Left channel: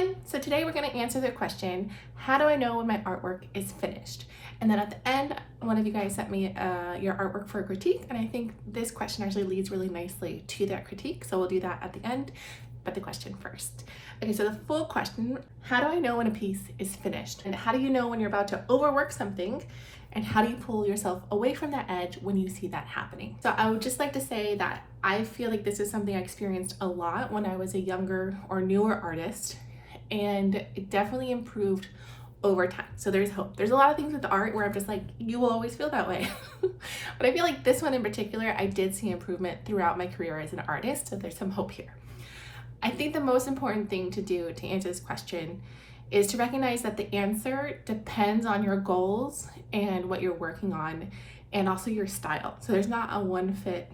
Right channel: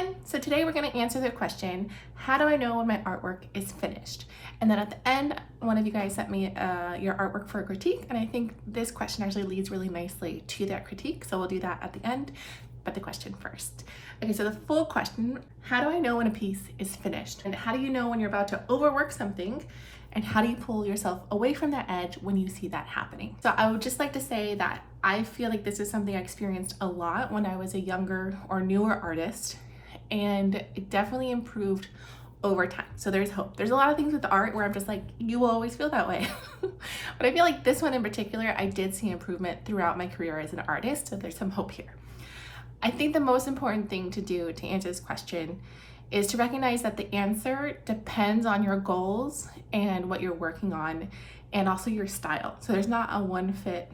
again. So today we're going to answer the question, how do I know when my artwork is finished? And then at the end, one of you guys sent me your artwork for a critique, and I think this question actually leads really nicely to that critique, so we'll do that at the end, but the question first. Okay, so the full question, how do I know when a piece is finished? And how do you know when you're about to overwork something? And how do you pull yourself away from that edge when you see that happening? So I would just like to say that I feel like this is something I experienced a lot when I was a younger or newer artist, and it definitely improved over time. So there's hope. There's a lot of things with the art where I'm just like, you will always feel that way. But I feel like this one in particular, I did see improvement throughout my career as an artist. So there's some hope here. I think the most important thing to do to answer this question is to recognize that the answer depends on your goals and what you're working on, and also your style. So there's not a one fit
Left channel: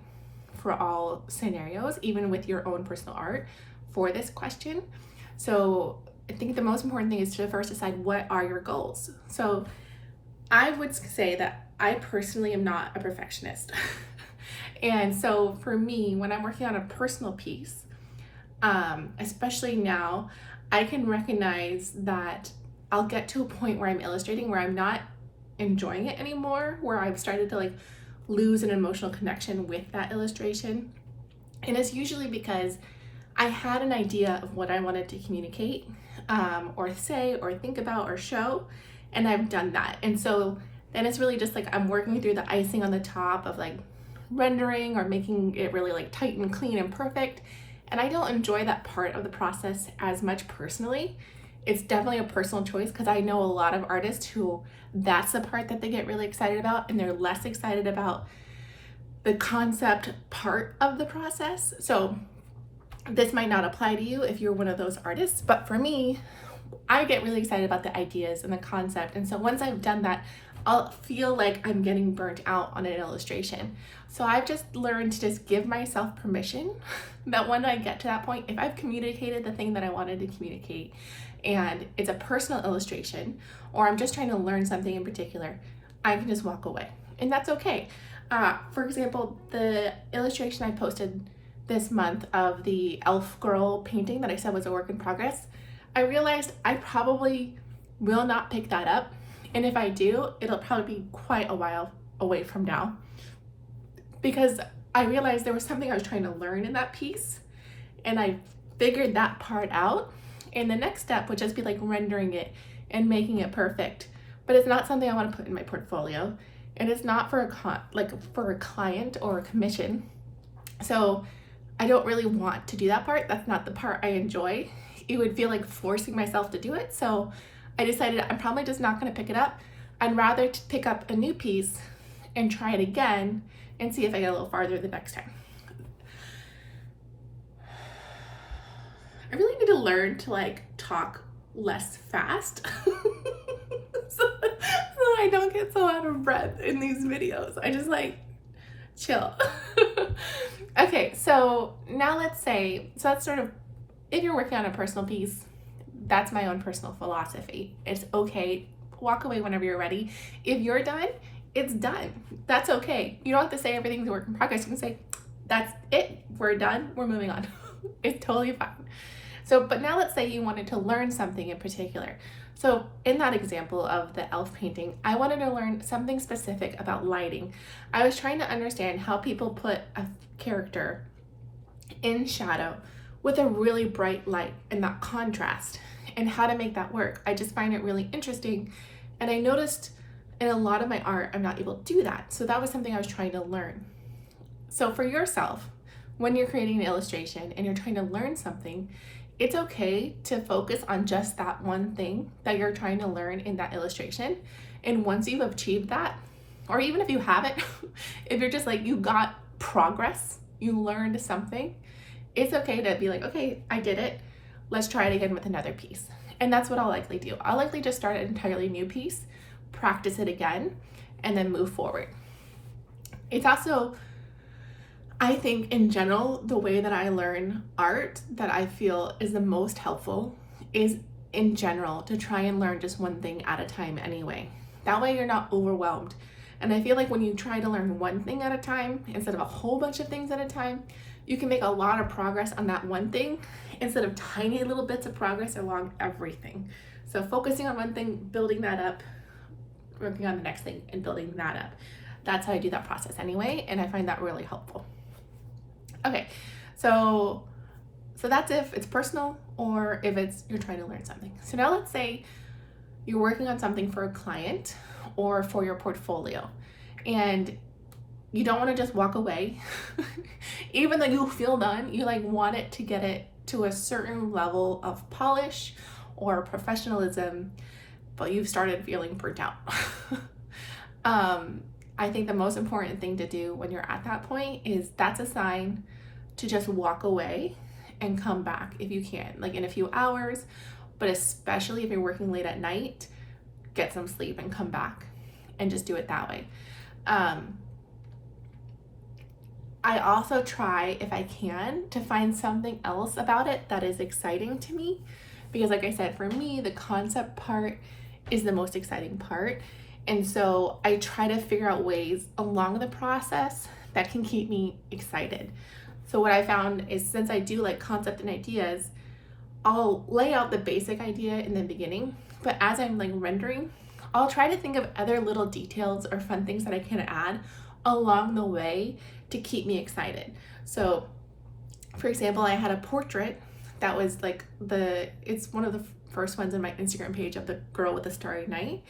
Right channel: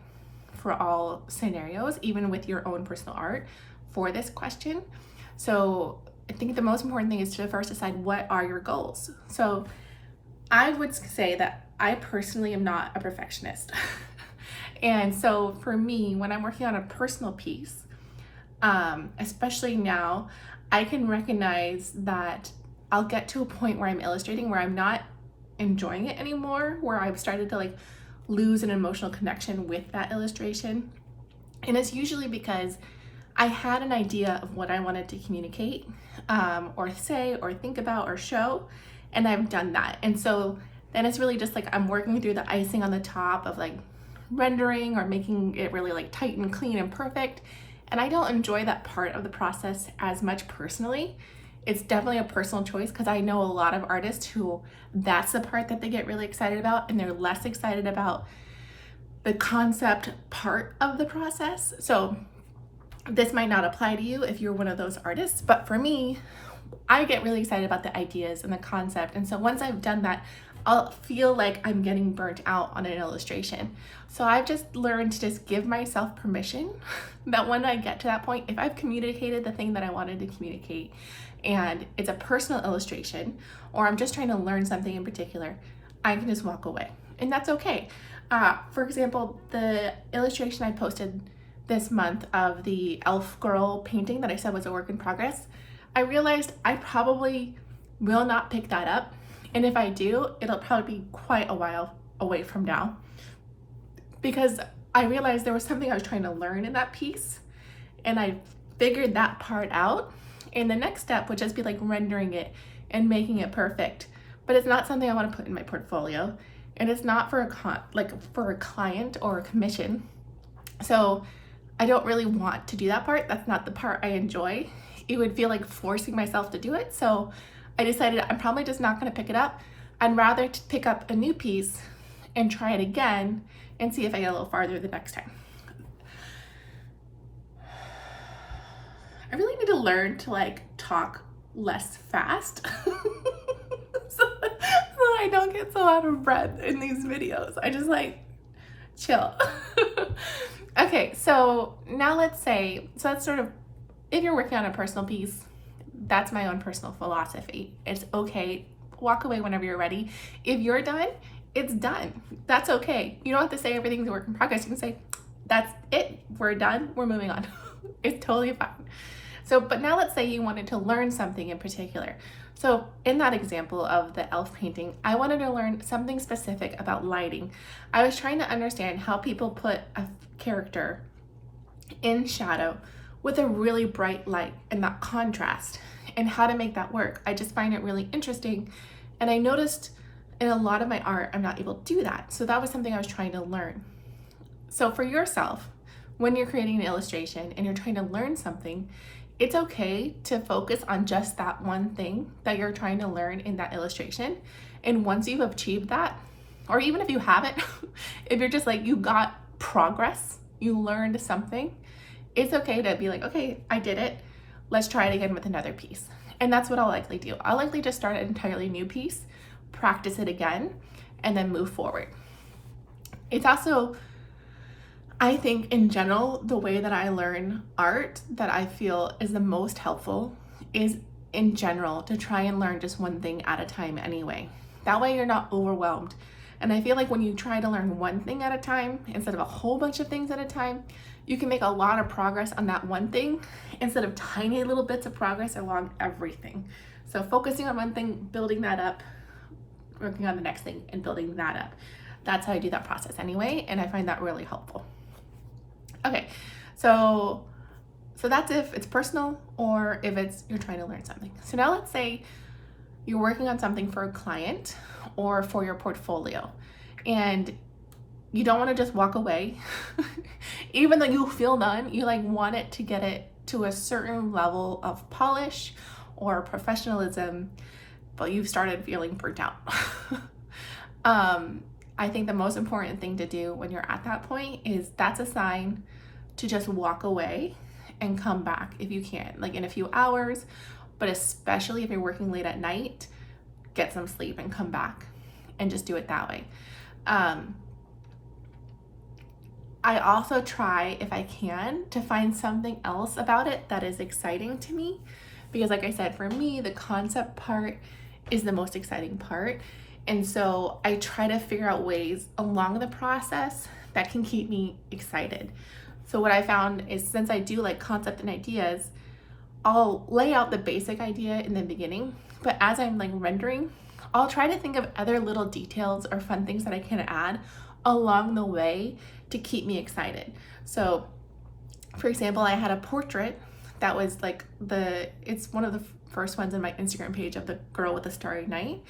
for all scenarios, even with your own personal art for this question. So I think the most important thing is to first decide, what are your goals? So I would say that I personally am not a perfectionist. And so for me, when I'm working on a personal piece, especially now, I can recognize that I'll get to a point where I'm illustrating where I'm not enjoying it anymore, where I've started to like lose an emotional connection with that illustration. And it's usually because I had an idea of what I wanted to communicate, or say, or think about, or show, and I've done that. And so then it's really just like I'm working through the icing on the top of like rendering or making it really like tight and clean and perfect. And I don't enjoy that part of the process as much personally. It's definitely a personal choice, because I know a lot of artists who that's the part that they get really excited about, and they're less excited about the concept part of the process. So this might not apply to you if you're one of those artists, but for me, I get really excited about the ideas and the concept. And so once I've done that, I'll feel like I'm getting burnt out on an illustration. So I've just learned to just give myself permission that when I get to that point, if I've communicated the thing that I wanted to communicate, and it's a personal illustration, or I'm just trying to learn something in particular, I can just walk away, and that's okay. For example, the illustration I posted this month of the elf girl painting that I said was a work in progress, I realized I probably will not pick that up. And if I do, it'll probably be quite a while away from now, because I realized there was something I was trying to learn in that piece, and I figured that part out. And the next step would just be like rendering it and making it perfect. But it's not something I want to put in my portfolio, and it's not for for a client or a commission. So I don't really want to do that part. That's not the part I enjoy. It would feel like forcing myself to do it. So I decided I'm probably just not going to pick it up. I'd rather pick up a new piece and try it again and see if I get a little farther the next time. I really need to learn to like talk less fast so I don't get so out of breath in these videos. I just like chill. Okay, so now let's say, so that's sort of, if you're working on a personal piece, that's my own personal philosophy. It's okay, walk away whenever you're ready. If you're done, it's done. That's okay. You don't have to say everything's a work in progress. You can say, that's it, we're done, we're moving on. It's totally fine. So, but now let's say you wanted to learn something in particular. So in that example of the elf painting, I wanted to learn something specific about lighting. I was trying to understand how people put a character in shadow with a really bright light and that contrast, and how to make that work. I just find it really interesting. And I noticed in a lot of my art, I'm not able to do that. So that was something I was trying to learn. So for yourself, when you're creating an illustration and you're trying to learn something, it's okay to focus on just that one thing that you're trying to learn in that illustration. And once you've achieved that, or even if you haven't, if you're just like, you got progress, you learned something, it's okay to be like, okay, I did it. Let's try it again with another piece. And that's what I'll likely do. I'll likely just start an entirely new piece, practice it again, and then move forward. It's also, I think in general, the way that I learn art that I feel is the most helpful is in general to try and learn just one thing at a time anyway. That way you're not overwhelmed. And I feel like when you try to learn one thing at a time instead of a whole bunch of things at a time, you can make a lot of progress on that one thing instead of tiny little bits of progress along everything. So focusing on one thing, building that up, working on the next thing and building that up. That's how I do that process anyway, and I find that really helpful. Okay, so that's if it's personal or if it's you're trying to learn something. So now let's say you're working on something for a client or for your portfolio, and you don't want to just walk away. Even though you feel done, you like want it to get it to a certain level of polish or professionalism, but you've started feeling burnt out. I think the most important thing to do when you're at that point is that's a sign to just walk away and come back if you can, like in a few hours, but especially if you're working late at night, get some sleep and come back and just do it that way. I also try, if I can, to find something else about it that is exciting to me, because like I said, for me, the concept part is the most exciting part. And so I try to figure out ways along the process that can keep me excited. So what I found is, since I do like concept and ideas, I'll lay out the basic idea in the beginning, but as I'm like rendering, I'll try to think of other little details or fun things that I can add along the way to keep me excited. So for example, I had a portrait that was like it's one of the first ones in my Instagram page of the girl with the starry night.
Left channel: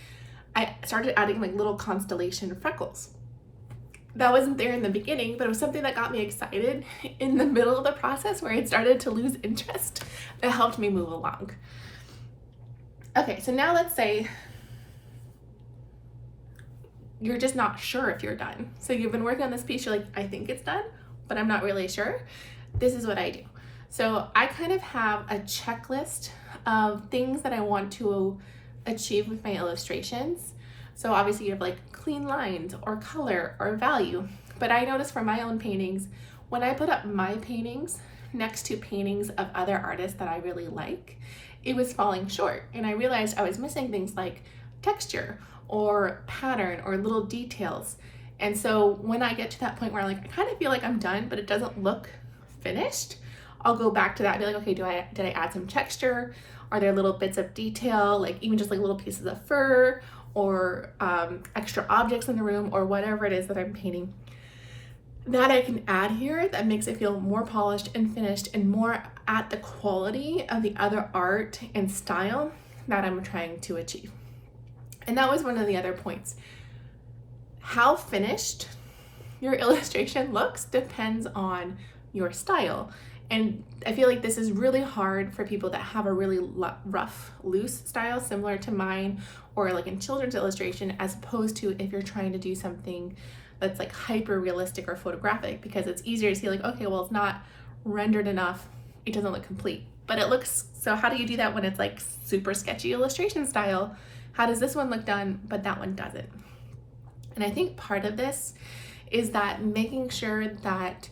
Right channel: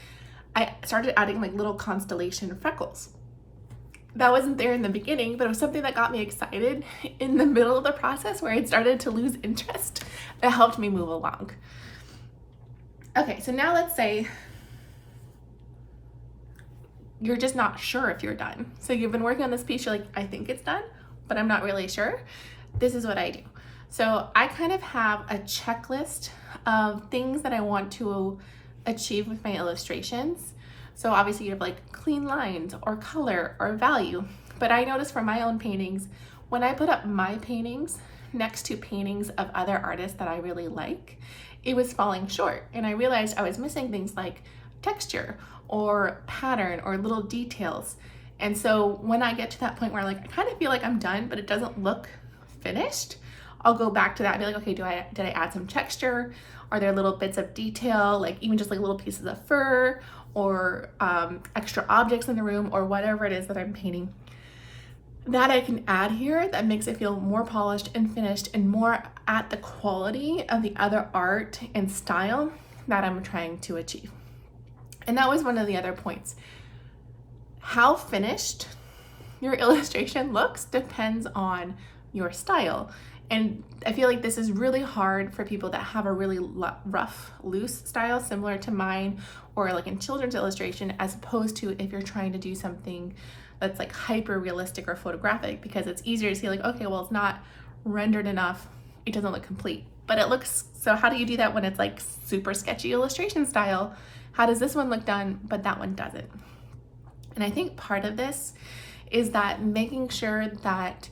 I started adding like little constellation freckles. That wasn't there in the beginning, but it was something that got me excited in the middle of the process where I'd started to lose interest. That helped me move along. Okay, so now let's say you're just not sure if you're done. So you've been working on this piece, you're like, I think it's done, but I'm not really sure. This is what I do. So I kind of have a checklist of things that I want to achieve with my illustrations. So obviously you have like clean lines or color or value, but I noticed for my own paintings, when I put up my paintings next to paintings of other artists that I really like, it was falling short. And I realized I was missing things like texture or pattern or little details. And so when I get to that point where like I kind of feel like I'm done, but it doesn't look finished, I'll go back to that and be like, okay, did I add some texture? Are there little bits of detail, like even just like little pieces of fur or extra objects in the room or whatever it is that I'm painting that I can add here that makes it feel more polished and finished and more at the quality of the other art and style that I'm trying to achieve. And that was one of the other points. How finished your illustration looks depends on your style. And I feel like this is really hard for people that have a really rough, loose style similar to mine, or like in children's illustration, as opposed to if you're trying to do something that's like hyper realistic or photographic, because it's easier to see like, okay, well, it's not rendered enough, it doesn't look complete, but it looks, so how do you do that when it's like super sketchy illustration style? How does this one look done, but that one doesn't? And I think part of this is that making sure that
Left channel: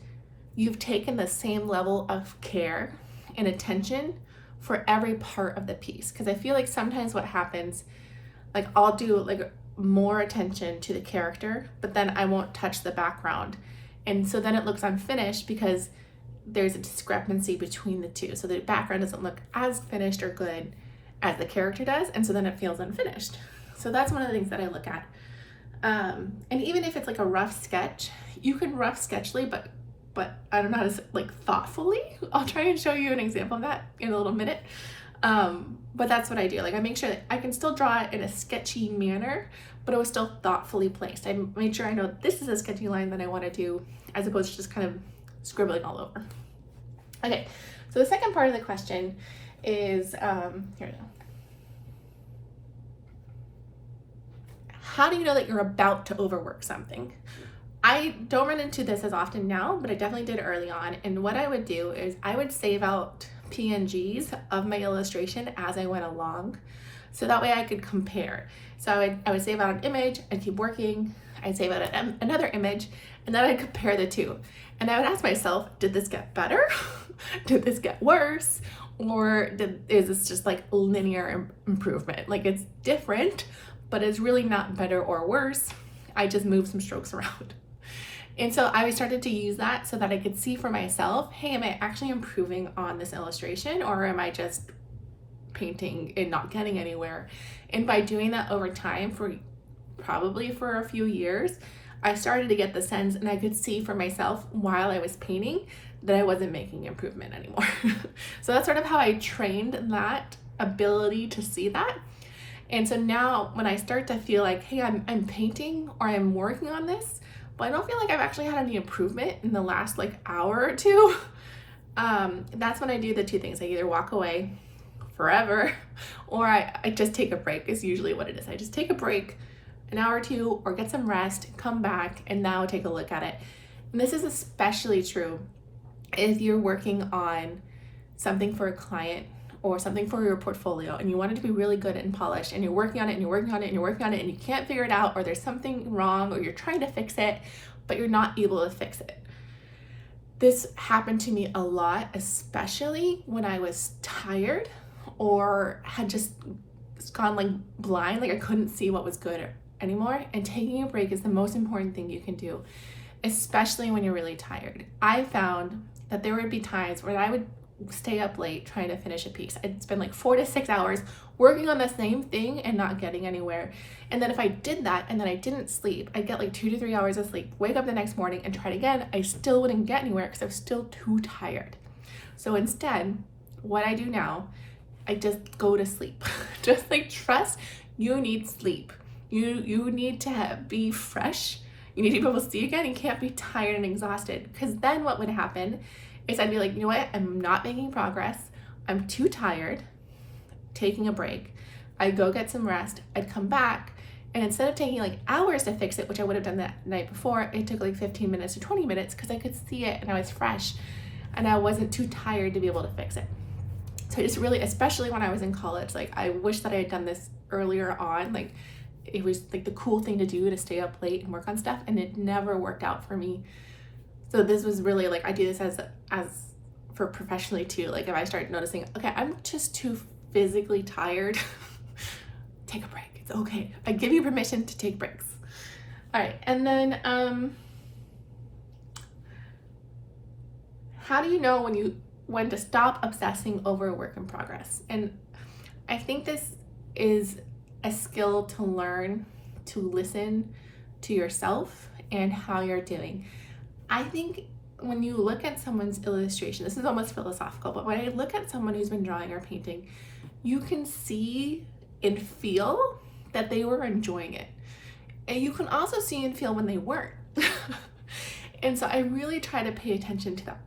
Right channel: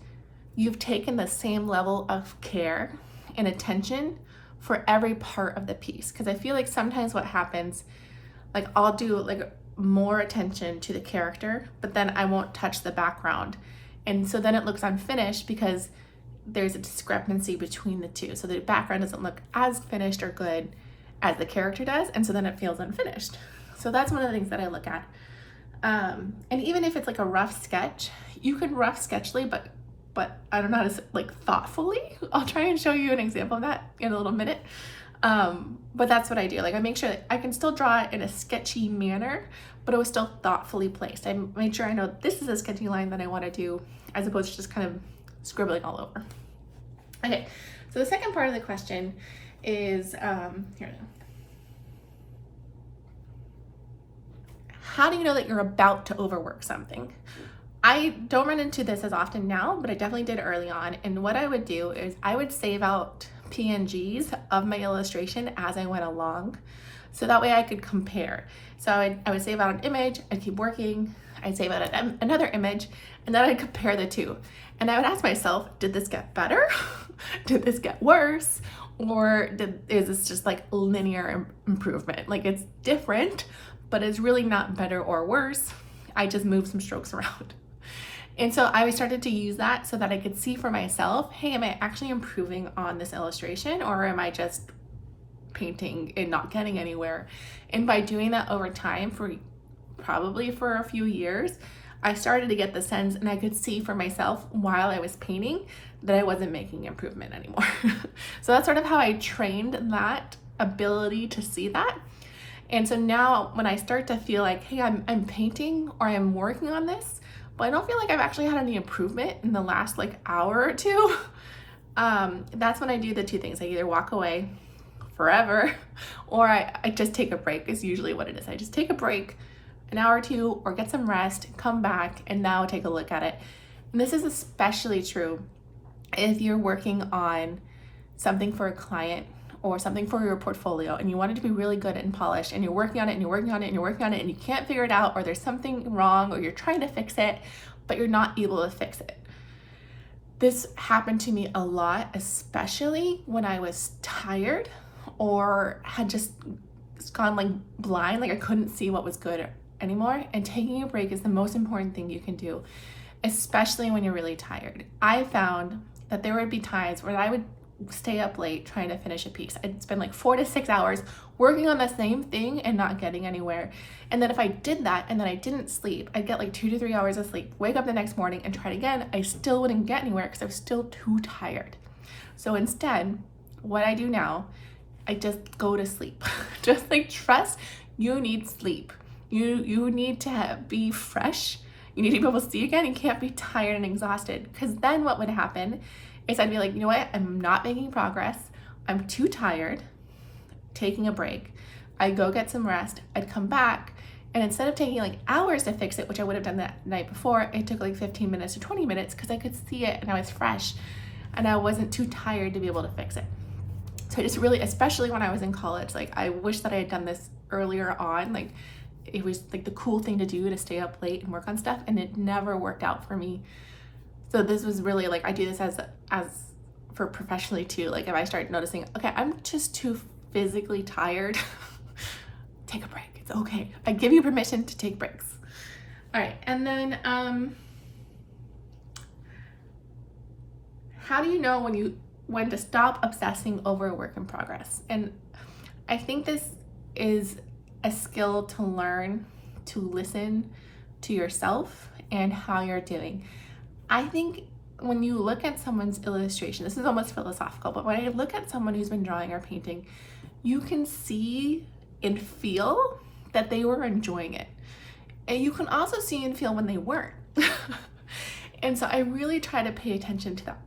you've taken the same level of care and attention for every part of the piece. Because I feel like sometimes what happens, like I'll do like more attention to the character, but then I won't touch the background. And so then it looks unfinished because there's a discrepancy between the two. So the background doesn't look as finished or good as the character does. And so then it feels unfinished. So that's one of the things that I look at. And even if it's like a rough sketch, you can rough sketchly, but I don't know how to like thoughtfully. I'll try and show you an example of that in a little minute. But that's what I do. Like I make sure that I can still draw it in a sketchy manner, but it was still thoughtfully placed. I made sure I know this is a sketchy line that I want to do, as opposed to just kind of scribbling all over. Okay, so the second part of the question is, here we go. How do you know that you're about to overwork something? I don't run into this as often now, but I definitely did early on. And what I would do is I would save out PNGs of my illustration as I went along. So that way I could compare. So I would save out an image, I'd keep working, I'd save out another image, and then I'd compare the two. And I would ask myself, did this get better? Did this get worse? Or is this just like linear improvement? Like it's different, but it's really not better or worse. I just moved some strokes around. And so I started to use that so that I could see for myself, hey, am I actually improving on this illustration, or am I just painting and not getting anywhere? And by doing that over time, probably for a few years, I started to get the sense, and I could see for myself while I was painting that I wasn't making improvement anymore. So that's sort of how I trained that ability to see that. And so now when I start to feel like, hey, I'm painting or I'm working on this, but I don't feel like I've actually had any improvement in the last like hour or two, that's when I do the two things. I either walk away forever or I just take a break is usually what it is. I just take a break, an hour or two, or get some rest, come back, and now take a look at it. And this is especially true if you're working on something for a client or something for your portfolio and you want it to be really good and polished, and you're working on it and you're working on it and you're working on it and you can't figure it out, or there's something wrong, or you're trying to fix it but you're not able to fix it. This happened to me a lot, especially when I was tired or had just gone like blind, like I couldn't see what was good anymore. And taking a break is the most important thing you can do, especially when you're really tired. I found that there would be times where I would stay up late trying to finish a piece. I'd spend like 4 to 6 hours working on the same thing and not getting anywhere. And then if I did that and then I didn't sleep, I'd get like 2 to 3 hours of sleep, wake up the next morning and try it again. I still wouldn't get anywhere because I was still too tired. So instead, what I do now, I just go to sleep. Just like trust, you need sleep. You need to be fresh. You need to be able to see again. You can't be tired and exhausted, because then what would happen is I'd be like, you know what? I'm not making progress. I'm too tired, taking a break. I'd go get some rest. I'd come back. And instead of taking like hours to fix it, which I would have done that night before, it took like 15 minutes to 20 minutes because I could see it and I was fresh and I wasn't too tired to be able to fix it. So I just really, especially when I was in college, like I wish that I had done this earlier on. Like it was like the cool thing to do, to stay up late and work on stuff, and it never worked out for me. So this was really like, I do this as for professionally too. Like if I start noticing, okay, I'm just too physically tired, take a break. It's okay. I give you permission to take breaks. All right. And then, how do you know when to stop obsessing over a work in progress? And I think this is a skill to learn, to listen to yourself and how you're doing. I think when you look at someone's illustration, this is almost philosophical, but when I look at someone who's been drawing or painting, you can see and feel that they were enjoying it. And you can also see and feel when they weren't. And so I really try to pay attention to that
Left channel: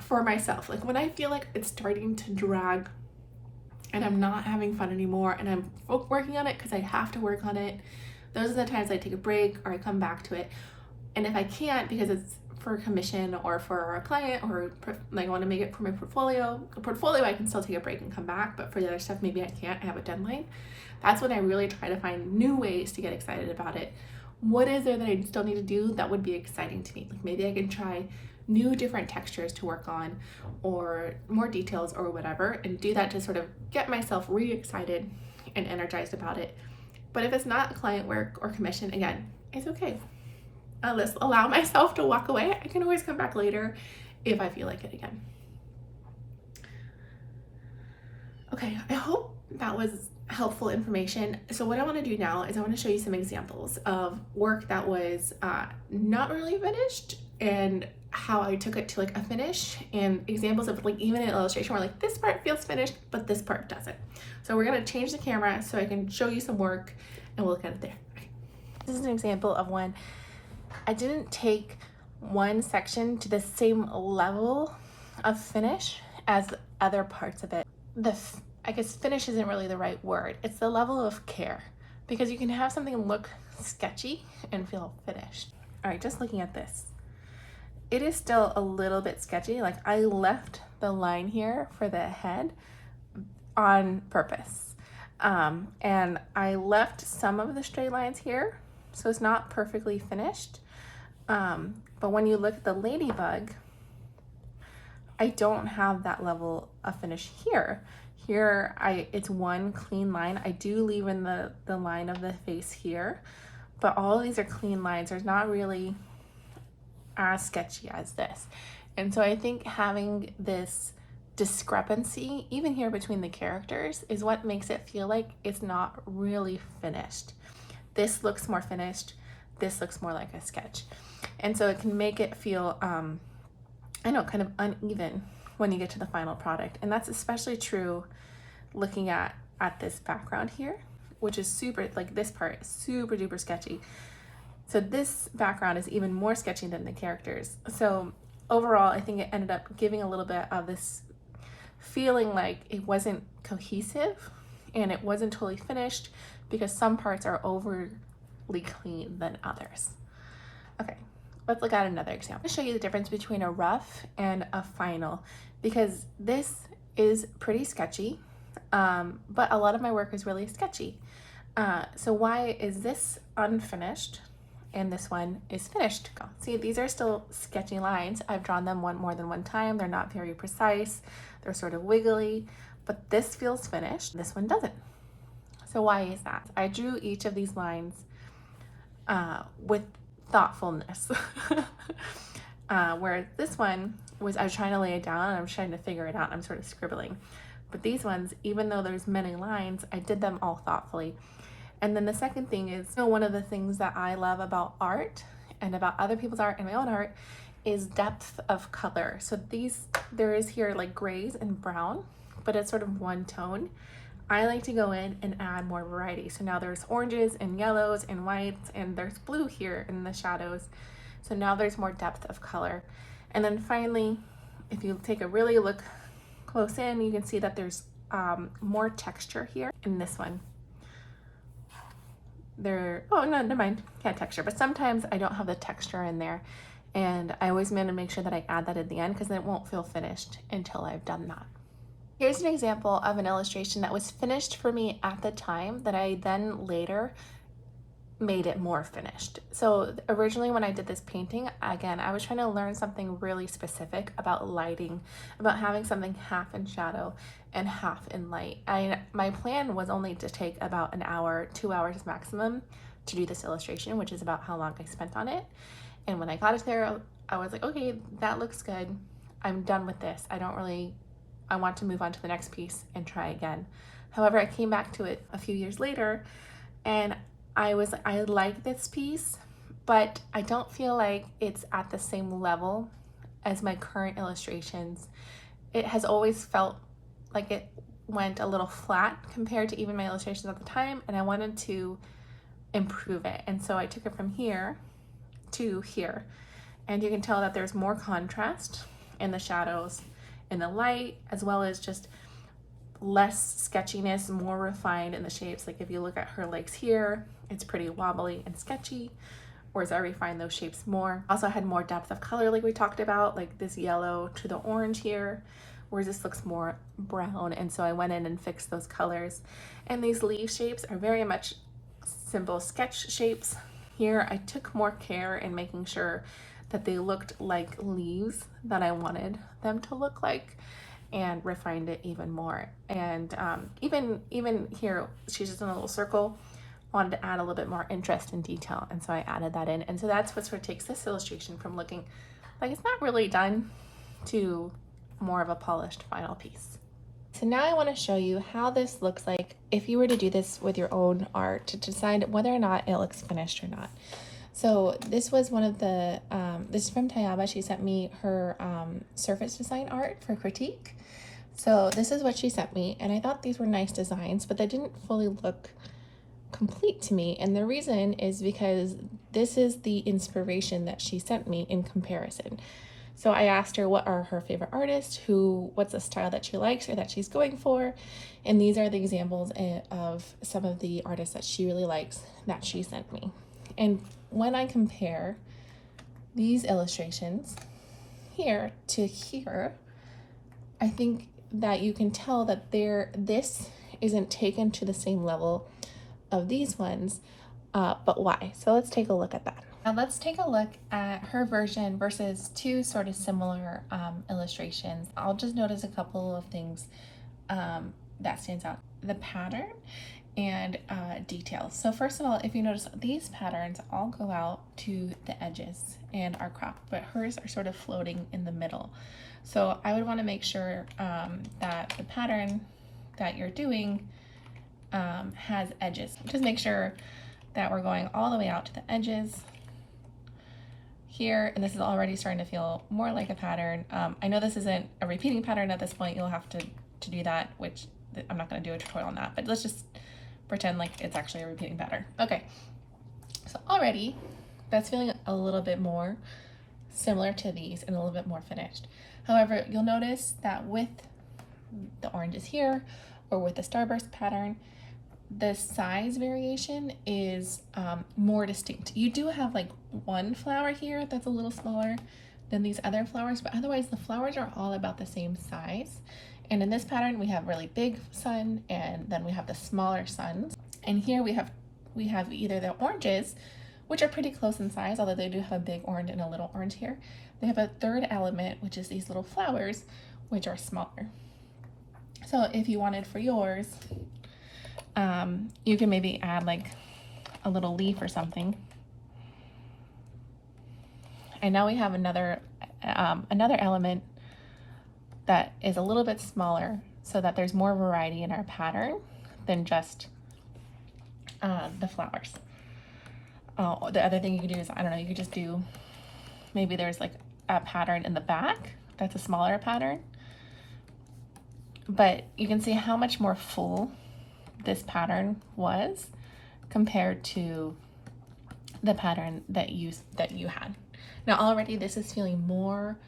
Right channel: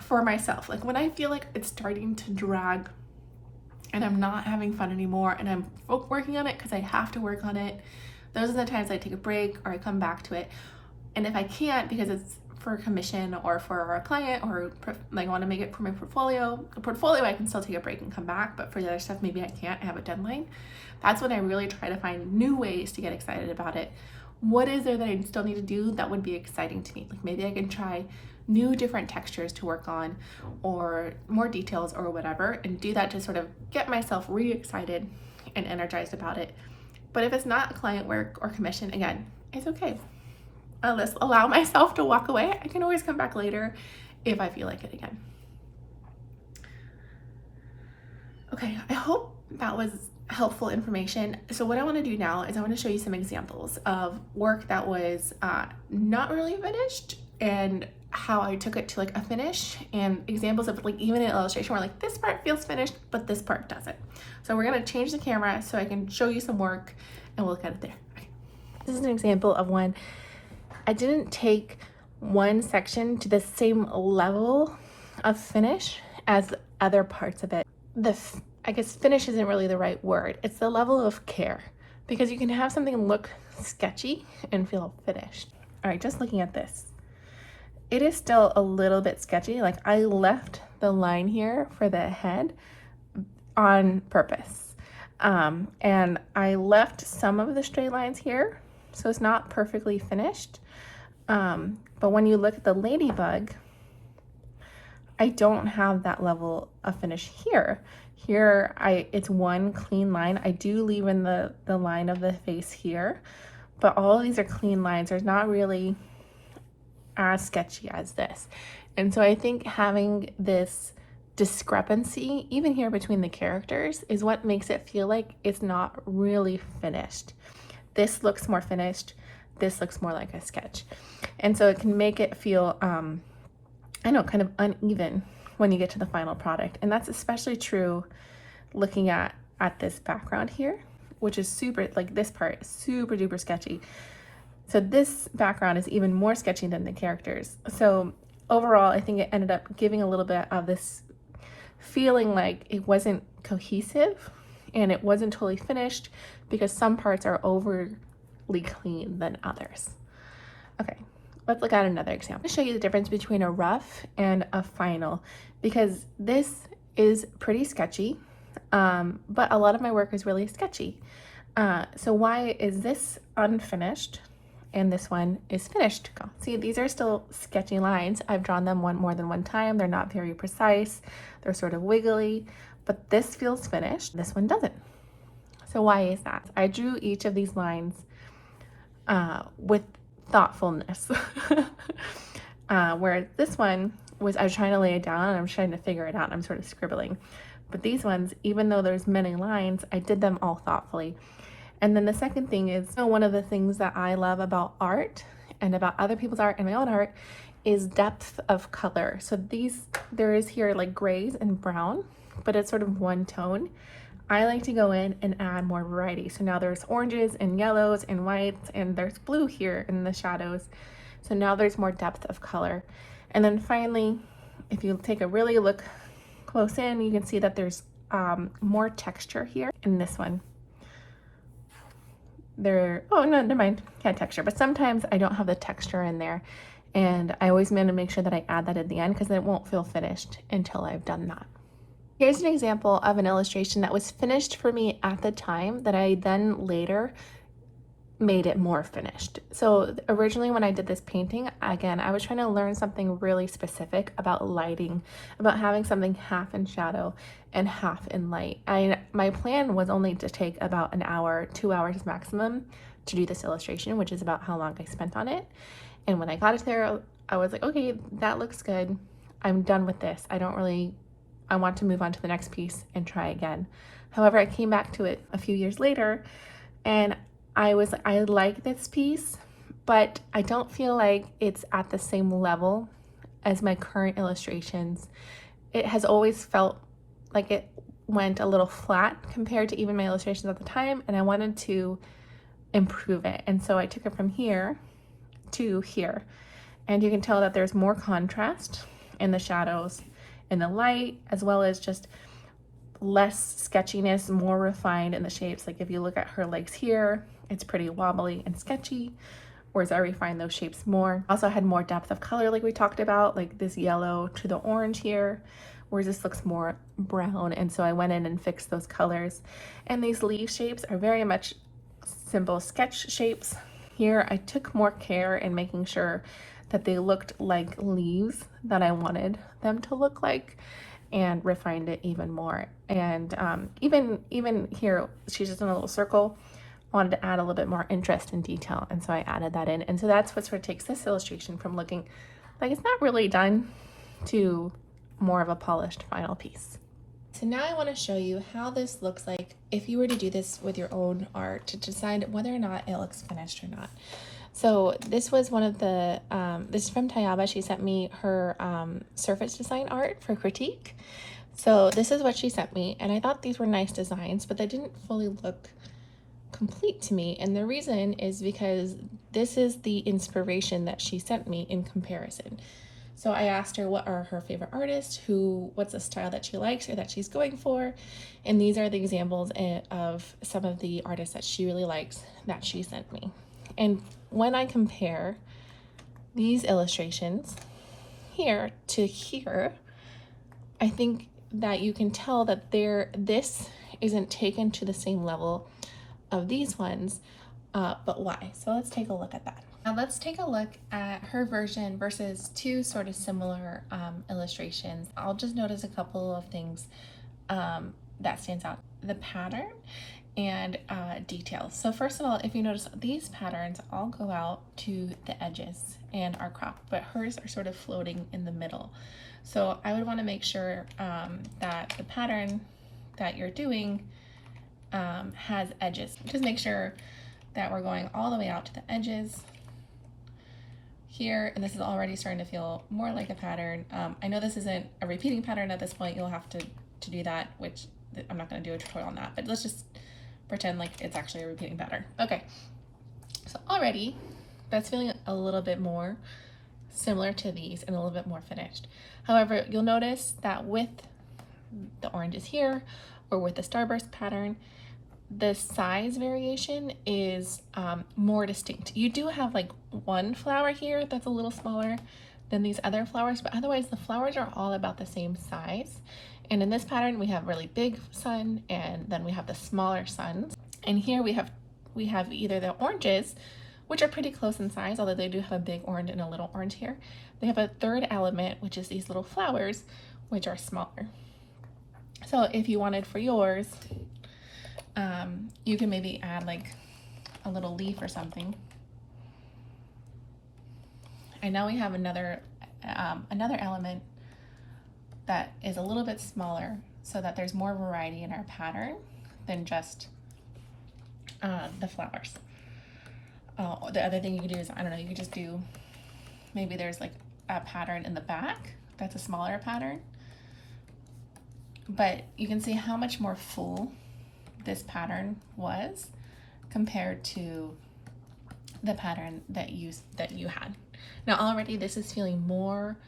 for myself. Like when I feel like it's starting to drag and I'm not having fun anymore and I'm working on it because I have to work on it, those are the times I take a break or I come back to it. And if I can't, because it's for a commission or for a client, or like I want to make it for my portfolio, I can still take a break and come back. But for the other stuff, maybe I can't, I have a deadline. That's when I really try to find new ways to get excited about it. What is there that I still need to do that would be exciting to me? Like maybe I can try new different textures to work on, or more details or whatever, and do that to sort of get myself re-excited and energized about it. But if it's not client work or commission, again, it's okay. I'll just allow myself to walk away. I can always come back later if I feel like it again. Okay, I hope that was helpful information. So what I want to do now is I want to show you some examples of work that was not really finished, and how I took it to like a finish, and examples of like even an illustration where like this part feels finished but this part doesn't. So we're going to change the camera so I can show you some work and we'll look at it there. Okay. This is an example of one. I didn't take one section to the same level of finish as other parts of it. I guess finish isn't really the right word. It's the level of care, because you can have something look sketchy and feel finished. All right, just looking at this, it is still a little bit sketchy. Like I left the line here for the head on purpose. And I left some of the straight lines here, so it's not perfectly finished. But when you look at the ladybug, I don't have that level of finish here. Here, it's one clean line. I do leave in the line of the face here, but all of these are clean lines. There's not really as sketchy as this. And so I think having this discrepancy, even here between the characters, is what makes it feel like it's not really finished. This looks more finished, this looks more like a sketch. And so it can make it feel, I know, kind of uneven when you get to the final product. And that's especially true looking at this background here, which is super, like this part is super duper sketchy. So this background is even more sketchy than the characters. So overall, I think it ended up giving a little bit of this feeling like it wasn't cohesive and it wasn't totally finished because some parts are overly clean than others. Okay, let's look at another example. I'll show you the difference between a rough and a final because this is pretty sketchy, but a lot of my work is really sketchy. So why is this unfinished and this one is finished? See, these are still sketchy lines. I've drawn them more than one time. They're not very precise. They're sort of wiggly, but this feels finished. This one doesn't. So why is that? I drew each of these lines with thoughtfulness. Whereas this one was, I was trying to lay it down and I'm trying to figure it out and I'm sort of scribbling. But these ones, even though there's many lines, I did them all thoughtfully. And then the second thing is, one of the things that I love about art and about other people's art and my own art is depth of color. So there is here like grays and brown, but it's sort of one tone. I like to go in and add more variety. So now there's oranges and yellows and whites, and there's blue here in the shadows. So now there's more depth of color. And then finally, if you take a really look close in, you can see that there's more texture here in this one. Oh no, never mind, can't texture, but sometimes I don't have the texture in there, and I always want to make sure that I add that at the end because it won't feel finished until I've done that. Here's an example of an illustration that was finished for me at the time that I then later made it more finished. So originally when I did this painting, again, I was trying to learn something really specific about lighting, about having something half in shadow and half in light. My plan was only to take about an hour, 2 hours maximum to do this illustration, which is about how long I spent on it. And when I got it there, I was like, okay, that looks good. I'm done with this. I want to move on to the next piece and try again. However, I came back to it a few years later and I like this piece, but I don't feel like it's at the same level as my current illustrations. It has always felt like it went a little flat compared to even my illustrations at the time, and I wanted to improve it. And so I took it from here to here. And you can tell that there's more contrast in the shadows, in the light, as well as just less sketchiness, more refined in the shapes. Like if you look at her legs here, it's pretty wobbly and sketchy, whereas I refined those shapes more. Also had more depth of color like we talked about, like this yellow to the orange here, whereas this looks more brown, and so I went in and fixed those colors. And these leaf shapes are very much simple sketch shapes. Here I took more care in making sure that they looked like leaves that I wanted them to look like, and refined it even more. And even here, she's just in a little circle. I wanted to add a little bit more interest and detail, and so I added that in. And so that's what sort of takes this illustration from looking like it's not really done to more of a polished final piece. So now I want to show you how this looks like if you were to do this with your own art to decide whether or not it looks finished or not. So this was one of the, this is from Tayaba. She sent me her surface design art for critique. So this is what she sent me, and I thought these were nice designs, but they didn't fully look complete to me. And the reason is because this is the inspiration that she sent me in comparison. So I asked her what are her favorite artists, what's the style that she likes or that she's going for. And these are the examples of some of the artists that she really likes that she sent me. And when I compare these illustrations here to here, I think that you can tell that this isn't taken to the same level of these ones, but why? So let's take a look at that. Now let's take a look at her version versus two sort of similar illustrations. I'll just notice a couple of things that stands out. the pattern and details. So first of all, if you notice, these patterns all go out to the edges and are cropped, but hers are sort of floating in the middle. So I would want to make sure that the pattern that you're doing has edges. Just make sure that we're going all the way out to the edges here, and this is already starting to feel more like a pattern. I know this isn't a repeating pattern at this point. You'll have to do that, which I'm not going to do a tutorial on that, but let's just pretend like it's actually a repeating pattern. Okay, so already that's feeling a little bit more similar to these and a little bit more finished. However, you'll notice that with the oranges here or with the starburst pattern, the size variation is more distinct. You do have like one flower here that's a little smaller than these other flowers, but otherwise the flowers are all about the same size. And in this pattern, we have really big sun, and then we have the smaller suns. And here we have either the oranges, which are pretty close in size, although they do have a big orange and a little orange here. They have a third element, which is these little flowers, which are smaller. So if you wanted for yours, you can maybe add like a little leaf or something. And now we have another element that is a little bit smaller, so that there's more variety in our pattern than just the flowers. Oh, the other thing you could do is, I don't know, you could just do, maybe there's like a pattern in the back that's a smaller pattern, but you can see how much more full this pattern was compared to the pattern that you had. Now already this is feeling more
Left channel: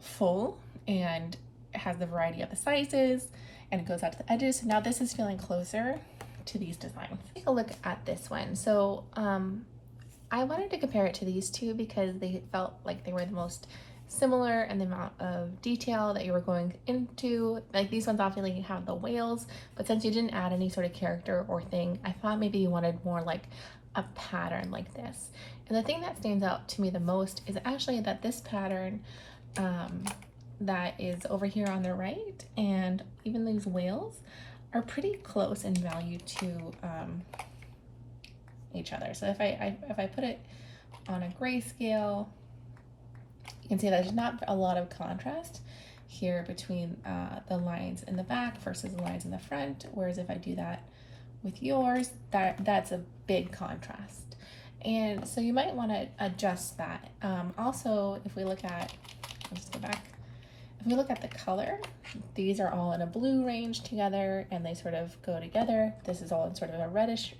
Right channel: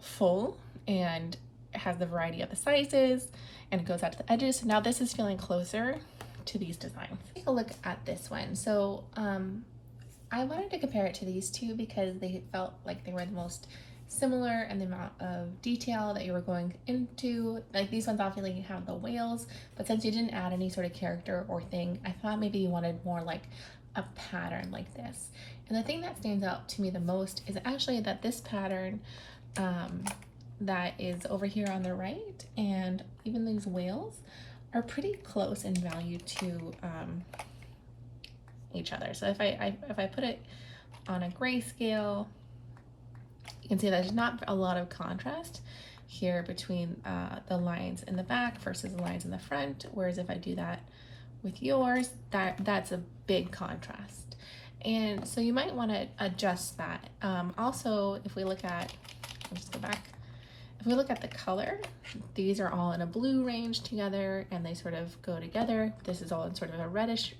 full and it has the variety of the sizes and it goes out to the edges. So now this is feeling closer to these designs. Take a look at this one. So I wanted to compare it to these two because they felt like they were the most similar in the amount of detail that you were going into. Like these ones obviously have the whales, but since you didn't add any sort of character or thing, I thought maybe you wanted more like a pattern like this. And the thing that stands out to me the most is actually that this pattern that is over here on the right, and even these whales are pretty close in value to each other. So if I put it on a grayscale, you can see there's not a lot of contrast here between the lines in the back versus the lines in the front, whereas if I do that with yours, that's a big contrast. And so you might want to adjust that. Also, if we look at, I'll just go back. If we look at the color, these are all in a blue range together and they sort of go together. This is all in sort of a reddish,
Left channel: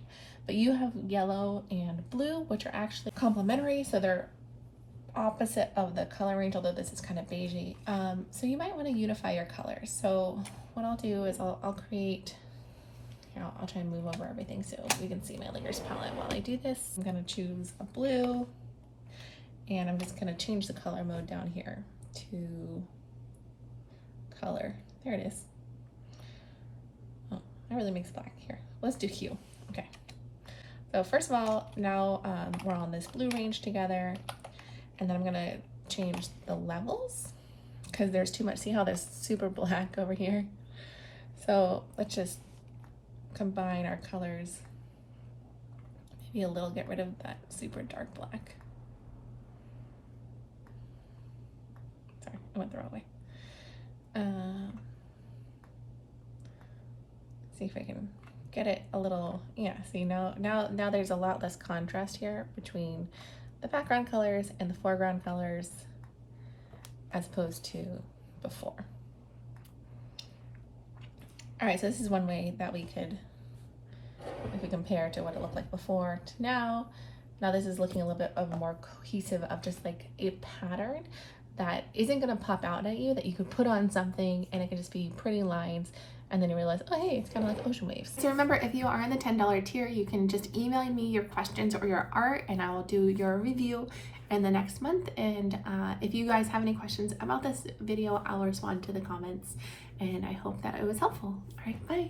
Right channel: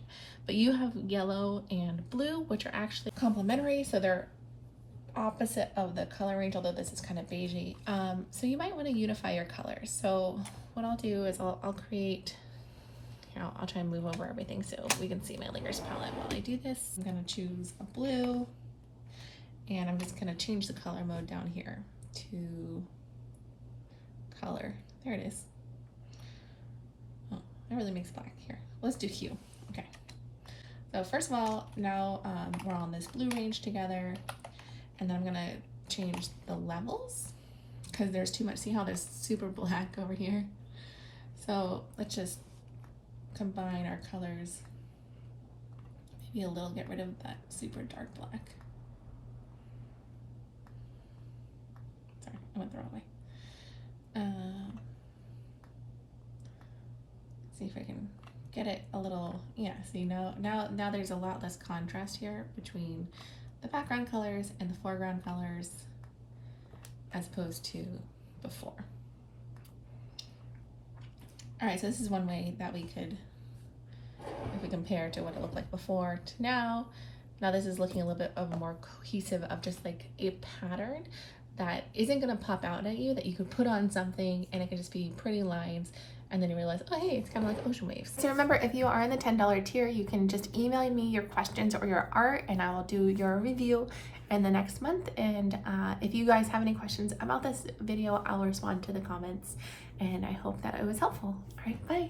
but you have yellow and blue, which are actually complementary. So they're opposite of the color range, although this is kind of beigey. So you might want to unify your colors. So what I'll do is I'll create, here, I'll try and move over everything so we can see my layers palette while I do this. I'm going to choose a blue and I'm just going to change the color mode down here to color. There it is. Oh, that really makes black here. Let's do hue. Okay. So first of all, now we're on this blue range together, and then I'm gonna change the levels because there's too much. See how there's super black over here? So let's just combine our colors. Maybe a little, get rid of that super dark black. Sorry, I went the wrong way. See if I can get it a little, yeah, see now there's a lot less contrast here between the background colors and the foreground colors as opposed to before. All right, so this is one way that we could, if we compare to what it looked like before to now this is looking a little bit of a more cohesive of just like a pattern that isn't gonna pop out at you, that you could put on something and it could just be pretty lines, and then you realize, oh hey, it's kind of like ocean waves. So remember, if you are in the $10 tier, you can just email me your questions or your art and I will do your review in the next month. And if you guys have any questions about this video, I'll respond to the comments, and I hope that it was helpful. All right, bye.